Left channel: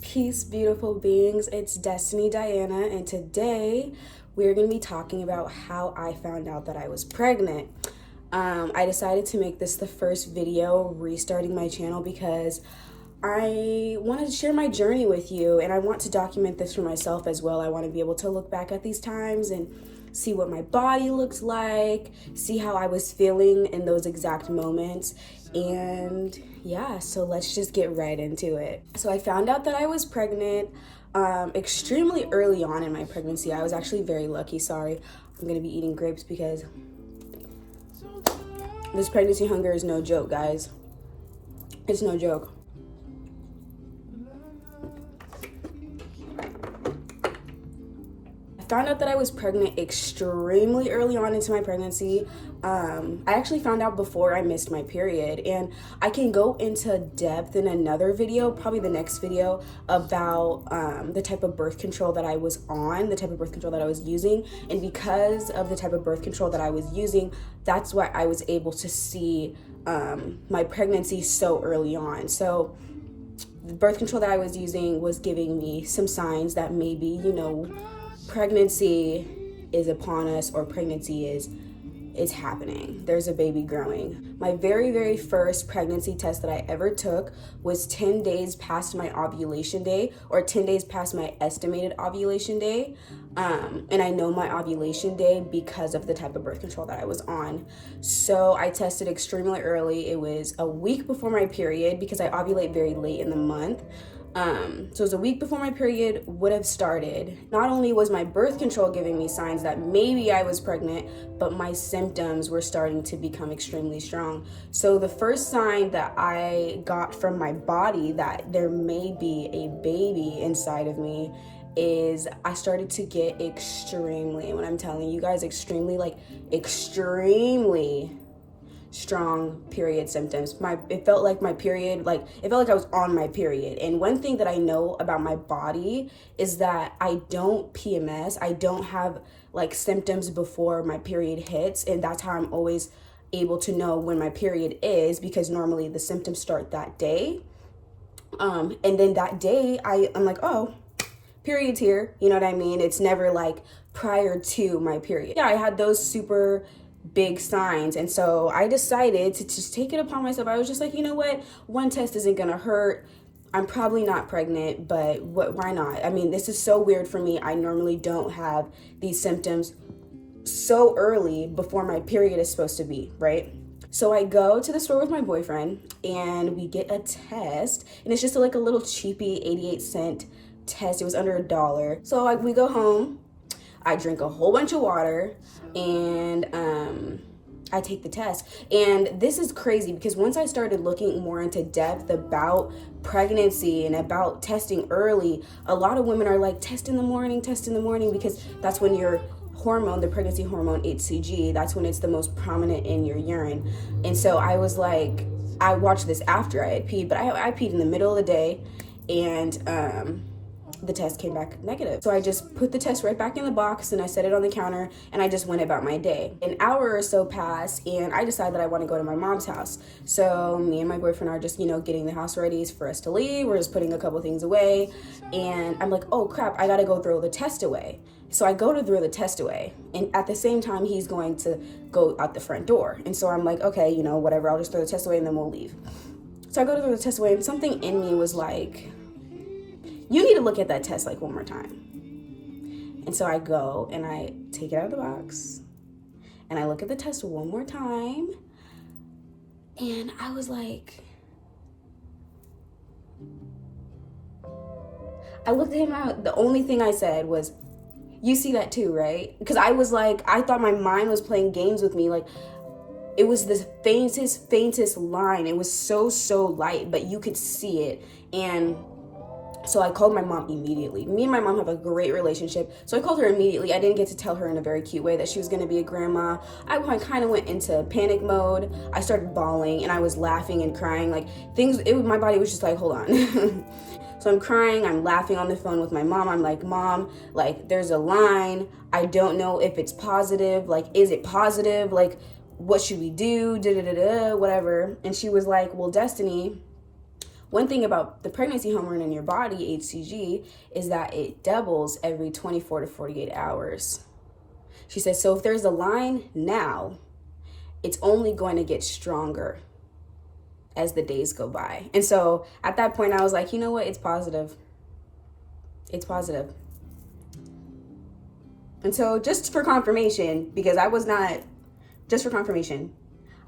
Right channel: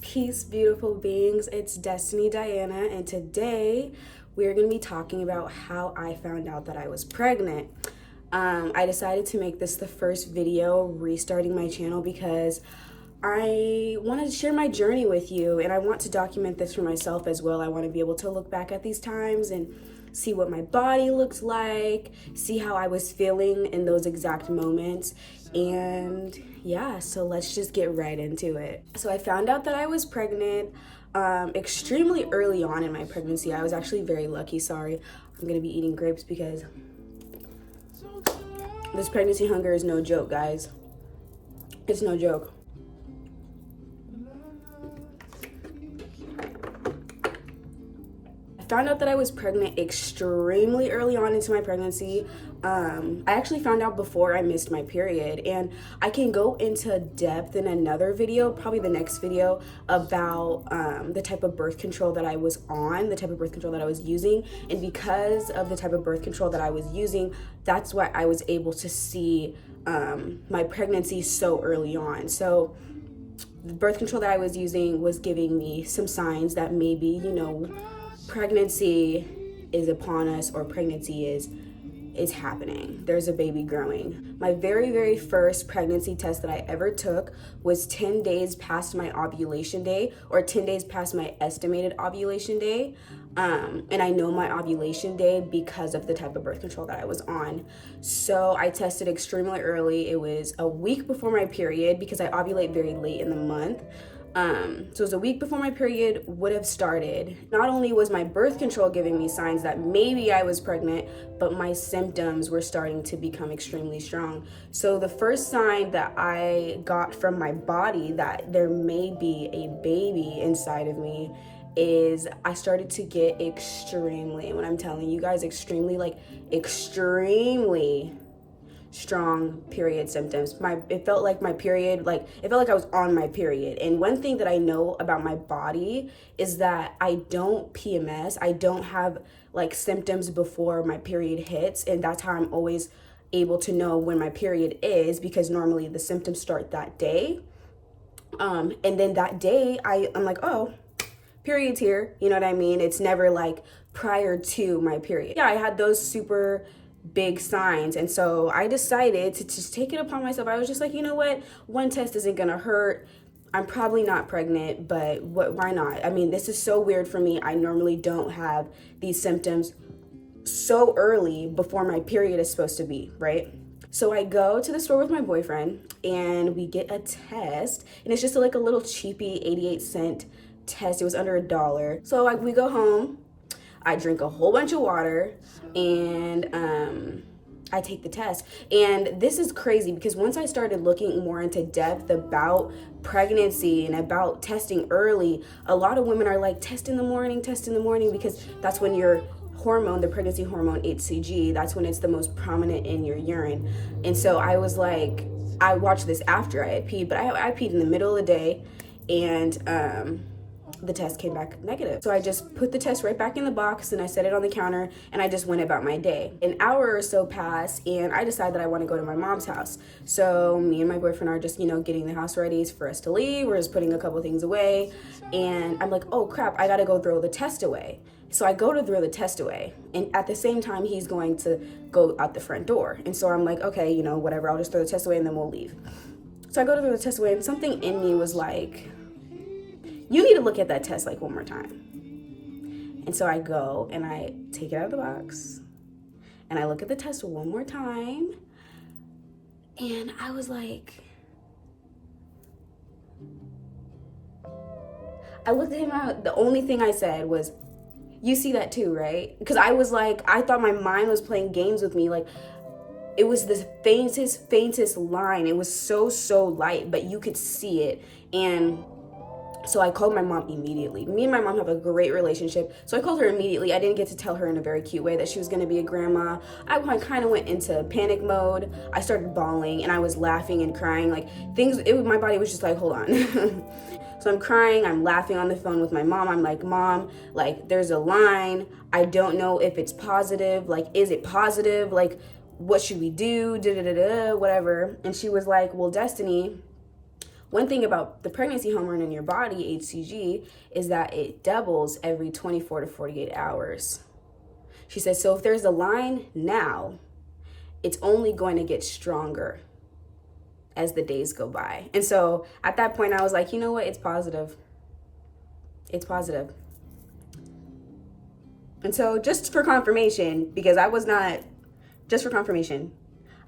Peace, beautiful beings. It's Destiny Diana, and today we're going to be talking about how I found out that I was pregnant. I decided to make this the first video restarting my channel because I wanted to share my journey with you, and I want to document this for myself as well. I want to be able to look back at these times and see what my body looks like, see how I was feeling in those exact moments, and yeah, so let's just get right into it. So I found out that I was pregnant extremely early on in my pregnancy. I was actually very lucky. Sorry, I'm gonna be eating grapes because this pregnancy hunger is no joke, guys. It's no joke. I found out that I was pregnant extremely early on into my pregnancy. I actually found out before I missed my period, and I can go into depth in another video, probably the next video, about the type of birth control that I was on, the type of birth control that I was using. And because of the type of birth control that I was using, that's why I was able to see my pregnancy so early on. So the birth control that I was using was giving me some signs that maybe, you know, pregnancy is upon us, or pregnancy is happening. There's a baby growing. My very first pregnancy test that I ever took was 10 days past my ovulation day, or 10 days past my estimated ovulation day. And I know my ovulation day because of the type of birth control that I was on. So I tested extremely early. It was a week before my period because I ovulate very late in the month. So it was a week before my period would have started. Not only was my birth control giving me signs that maybe I was pregnant, but my symptoms were starting to become extremely strong. So the first sign that I got from my body that there may be a baby inside of me is I started to get extremely, when I'm telling you guys, extremely strong period symptoms. It felt like my period, it felt like I was on my period. And one thing that I know about my body is that I don't PMS. I don't have symptoms before my period hits, and that's how I'm always able to know when my period is, because normally the symptoms start that day. And then that day I'm like, oh, period's here. You know what I mean? It's never like prior to my period. Yeah, I had those super big signs, and so I decided to just take it upon myself. I was just like, you know what, one test isn't gonna hurt. I'm probably not pregnant, but why not? I mean, this is so weird for me. I normally don't have these symptoms so early before my period is supposed to be, right? So I go to the store with my boyfriend and we get a test, and it's just like a little cheapy 88-cent test. It was under $1. So we go home, I drink a whole bunch of water, and I take the test. And this is crazy because once I started looking more into depth about pregnancy and about testing early, a lot of women are like, test in the morning, because that's when your hormone, the pregnancy hormone HCG, that's when it's the most prominent in your urine. And so I was like, I watched this after I had peed, but I peed in the middle of the day, and the test came back negative. So I just put the test right back in the box and I set it on the counter, and I just went about my day. An hour or so passed, and I decided that I want to go to my mom's house. So me and my boyfriend are just, getting the house ready for us to leave. We're just putting a couple things away, and I'm like, oh crap, I gotta go throw the test away. So I go to throw the test away, and at the same time he's going to go out the front door. And so I'm like, okay, whatever, I'll just throw the test away and then we'll leave. So I go to throw the test away, and something in me was like, you need to look at that test one more time. And so I go and I take it out of the box and I look at the test one more time, and I was like, I looked at him out. The only thing I said was, you see that too, right? Because I was like, I thought my mind was playing games with me. It was the faintest line. It was so light, but you could see it. And so I called my mom immediately. Me and my mom have a great relationship. So I called her immediately. I didn't get to tell her in a very cute way that she was going to be a grandma. I kind of went into panic mode. I started bawling and I was laughing and crying. My body was just like, hold on. So I'm crying, I'm laughing on the phone with my mom. I'm like, Mom, there's a line. I don't know if it's positive. Is it positive? what should we do, whatever. And she was like, well, Destiny, one thing about the pregnancy hormone in your body, HCG, is that it doubles every 24 to 48 hours. She said, so if there's a line now, it's only going to get stronger as the days go by. And so at that point, I was like, you know what? It's positive. It's positive. And so just for confirmation, because I was not, just for confirmation,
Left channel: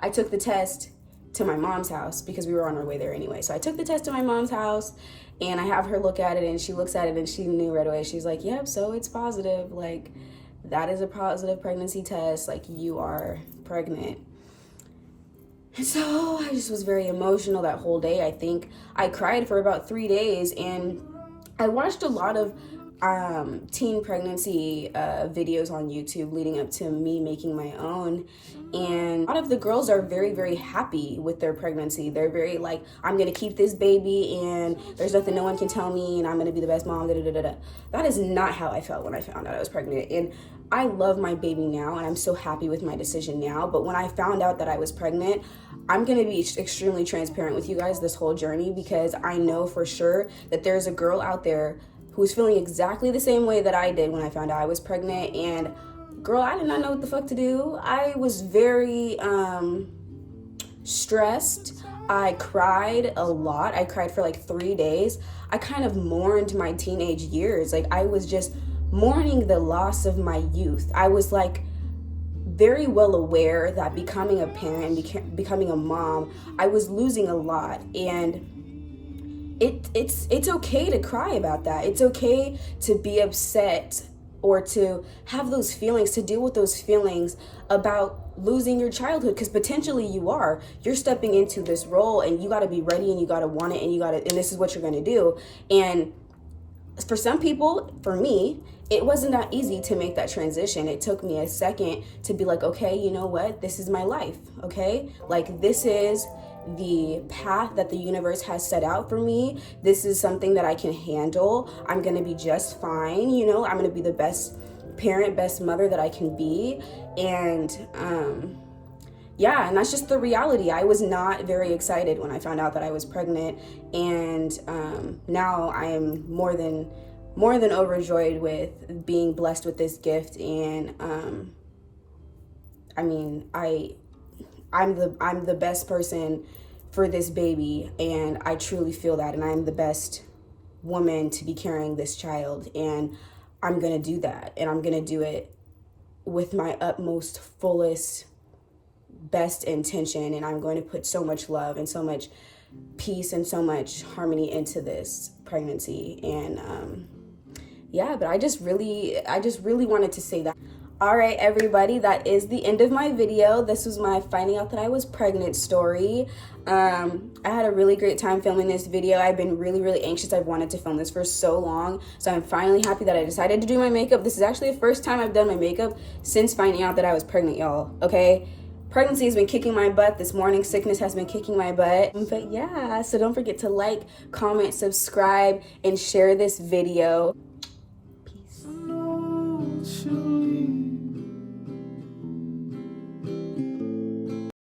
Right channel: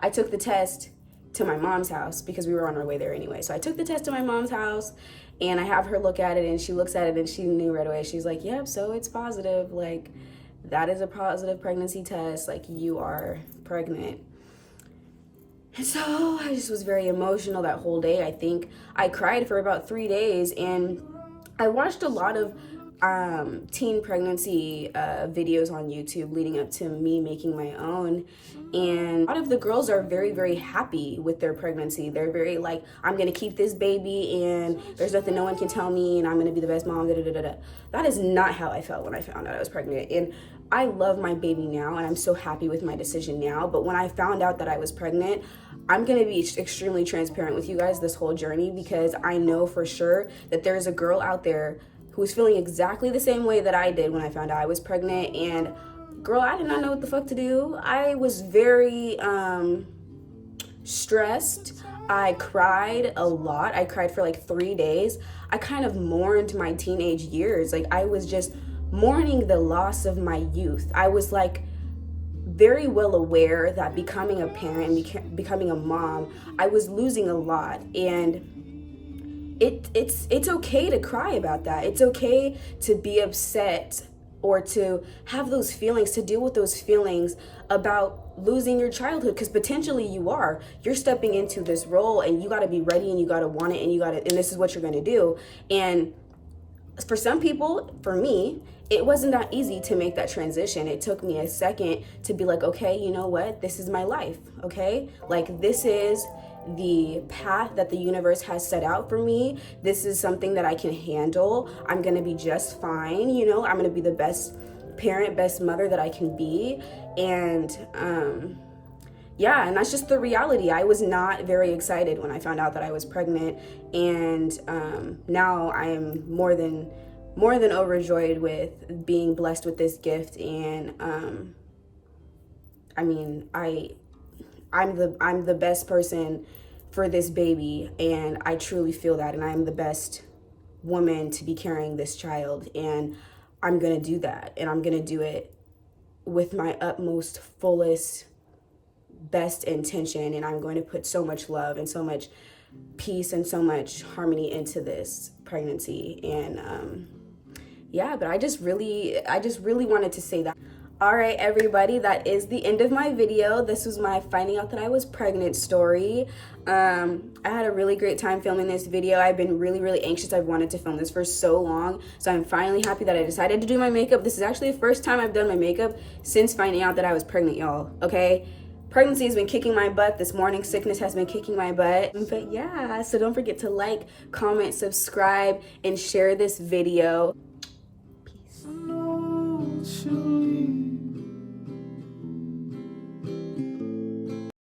I took the test to my mom's house because we were on our way there anyway. So I took the test to my mom's house and I have her look at it, and she looks at it and she knew right away. She's like, yep, so it's positive. Like, that is a positive pregnancy test. Like, you are pregnant. And so I just was very emotional that whole day. I think I cried for about 3 days, and I watched a lot of teen pregnancy videos on YouTube leading up to me making my own, and a lot of the girls are very, very happy with their pregnancy. They're very like, I'm gonna keep this baby and there's nothing no one can tell me and I'm gonna be the best mom, That is not how I felt when I found out I was pregnant. And I love my baby now and I'm so happy with my decision now, but when I found out that I was pregnant, I'm gonna be extremely transparent with you guys this whole journey, because I know for sure that there's a girl out there who's feeling exactly the same way that I did when I found out I was pregnant. And girl, I did not know what the fuck to do. I was very stressed. I cried a lot. I cried for like 3 days. I kind of mourned my teenage years. Like, I was just mourning the loss of my youth. I was like very well aware that becoming a parent, becoming a mom, I was losing a lot. And it's okay to cry about that. It's okay to be upset or to have those feelings, to deal with those feelings about losing your childhood, because potentially you're stepping into this role and you got to be ready and you got to want it and this is what you're going to do. And for some people, for me, it wasn't that easy to make that transition. It took me a second to be like, okay, you know what? This is my life. Okay. Like, this is the path that the universe has set out for me. This is something that I can handle. I'm going to be just fine. You know, I'm going to be the best parent, best mother that I can be. And, yeah, and that's just the reality. I was not very excited when I found out that I was pregnant. And, now I am more than overjoyed with being blessed with this gift. And, I mean, I'm the best person for this baby, and I truly feel that, and I'm the best woman to be carrying this child, and I'm gonna do that, and I'm gonna do it with my utmost, fullest, best intention, and I'm going to put so much love and so much peace and so much harmony into this pregnancy. And yeah, but I just really wanted to say that. All right, everybody, that is the end of my video. This was my finding out that I was pregnant story. I had a really great time filming this video. I've been really, really anxious. I've wanted to film this for so long. So I'm finally happy that I decided to do my makeup. This is actually the first time I've done my makeup since finding out that I was pregnant, y'all, okay? Pregnancy has been kicking my butt. This morning sickness has been kicking my butt. But yeah, so don't forget to like, comment, subscribe, and share this video. Peace.